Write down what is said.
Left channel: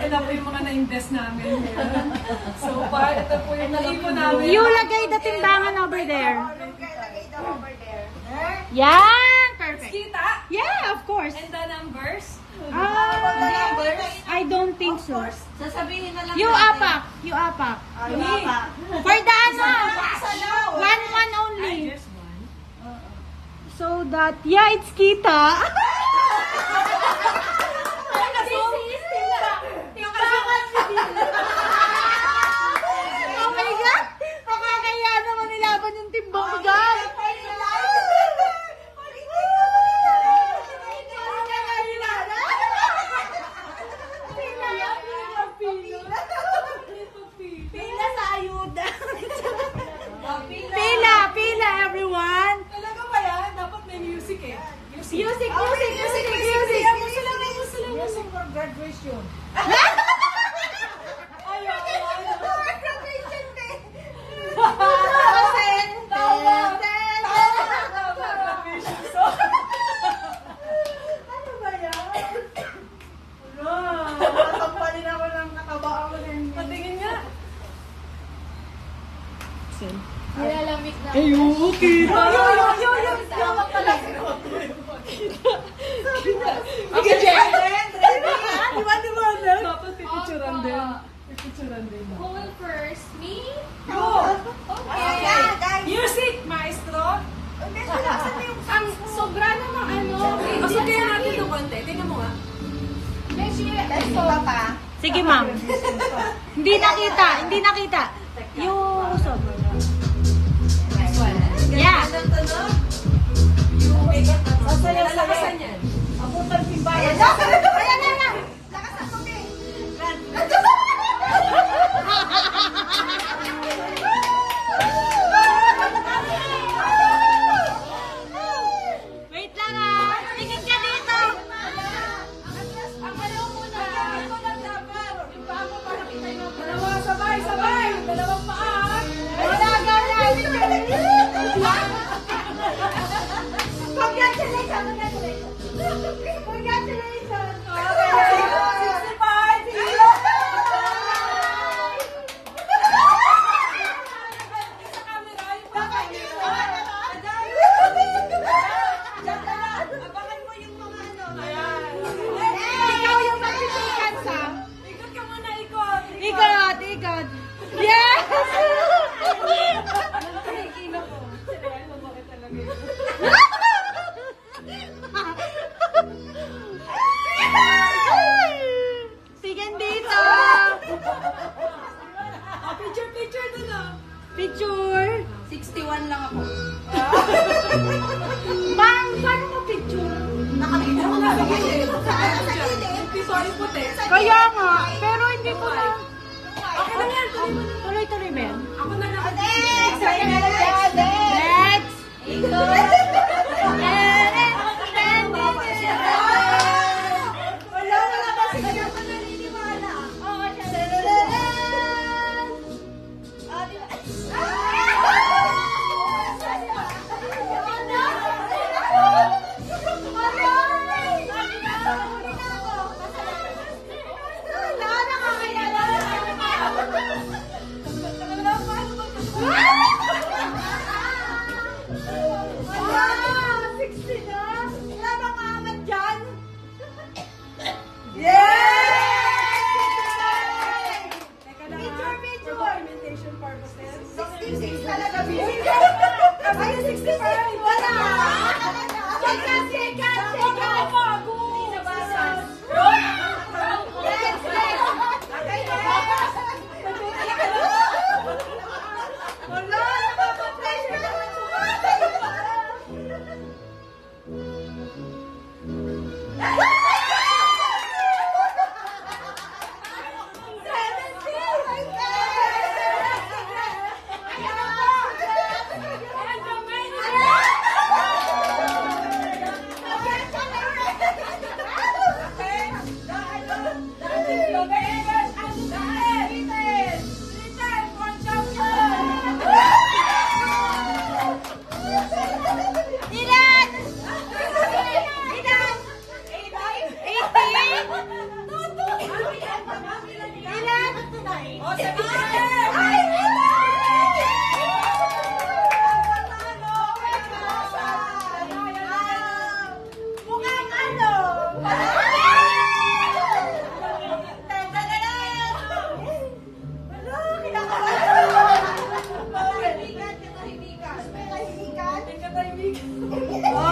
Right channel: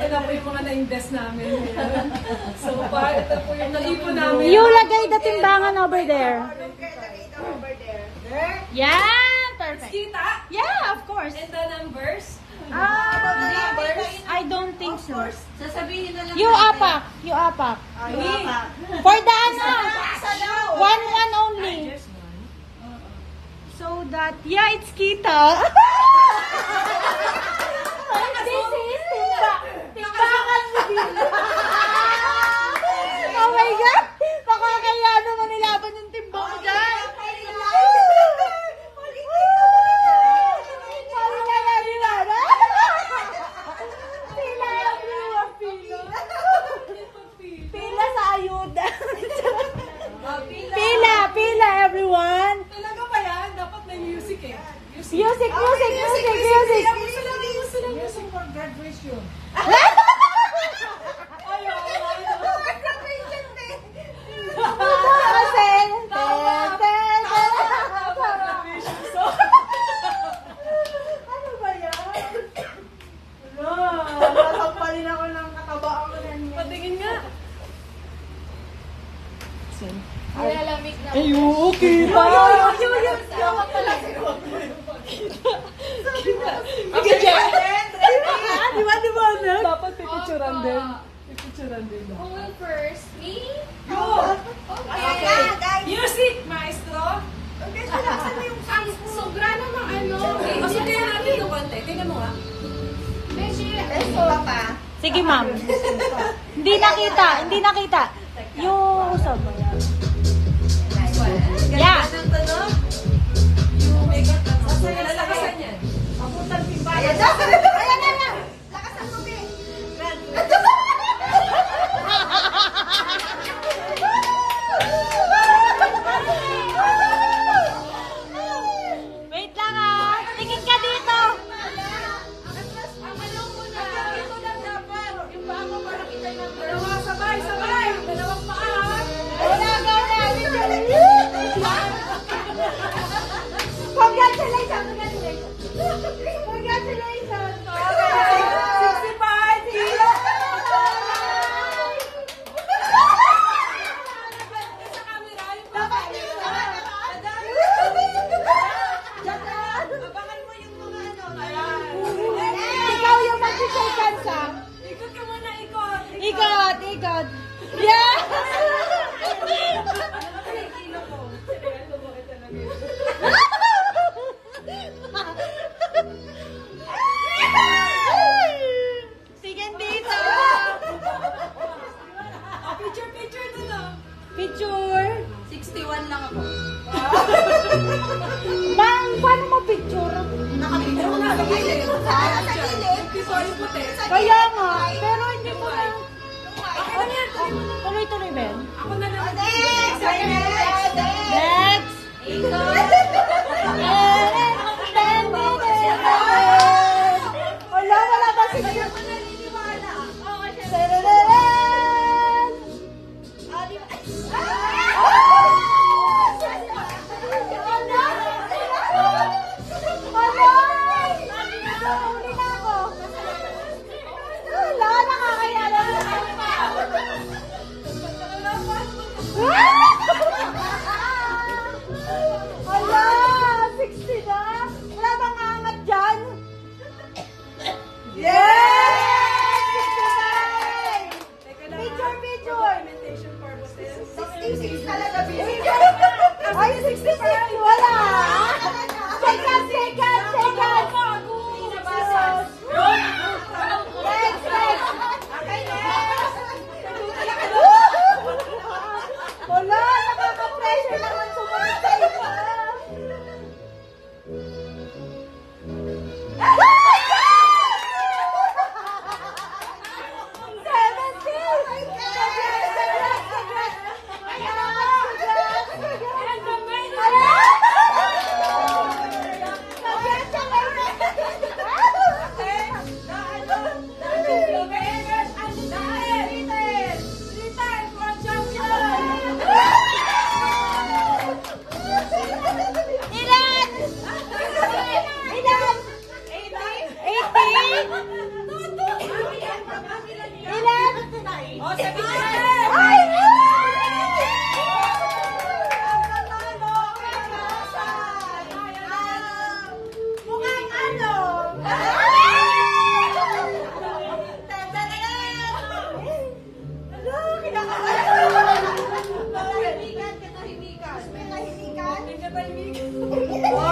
ito na po yung mga na-invest namin. So far, ito po yung naipon namin. You lagay the timbangan over there. Yan! Perfect. Kita? Yeah, of course. And the numbers? I don't think so. Sasabihin na lang You natin. apak. You apak. Wapa. For the ano? One only. Yes, one. So that, yeah, it's kita. Oh my God! Nakakaya naman nilaban yung timbang ko dyan. Pila sa ayuda. Pila, everyone. Talaga ba yan? Dapat may music eh. Music. Music for graduation. Ano ba yan? Papampalin ako ng nakaba ako ng Patingin nga. nilalamig na. Ay, okay pa. Dapat talaga. Okay, Jen. Di ba? Dapat pipicturan din. Pipicturan din. Who will first? Me? Go! Okay. Music, maestro! Ang sobra namang ano. Pasukin natin yung konti. Tingnan mo nga. Let's go pa. Sige, ma'am. Hindi nakita. Yung usap. Yeah. Lalakasan yan. Ayan na. Lakasan mo, be. Wait lang ah. Tingin ka dito. Ang malaw muna. Ito lang dapat. Yung paa mo para kita yung Dalawa, sabay! Dalawang paa! Wala gana. Congratulations. Okay! 65! Hilo! Sa camera, yung camera. Abangan mo yung mga ano. Ayan. Ikaw yung mag-seconds ah. Ikot ka muna, ikot. Ikot. Yes! Lalaki na yung kilo ko. Ayan, lumaki talaga yun. Sige dito. Picture dun ah. Picture. 61 lang ako. Ma'am, paano mo picture? Ako nga, bigay eh. Yung pito, yung puti. Kaya nga, pero hindi mo na. Okay lang yan. Tuloy-tuloy ba yun? Ako na lang. Next! Wala pa sige. Wala, Ilan? O, sabihin! Ay! Mukhang ano? Tanda na yan! Ano? Kinakabahan! Katahimikan, katahimikan. Katahimikan? Katahimikan.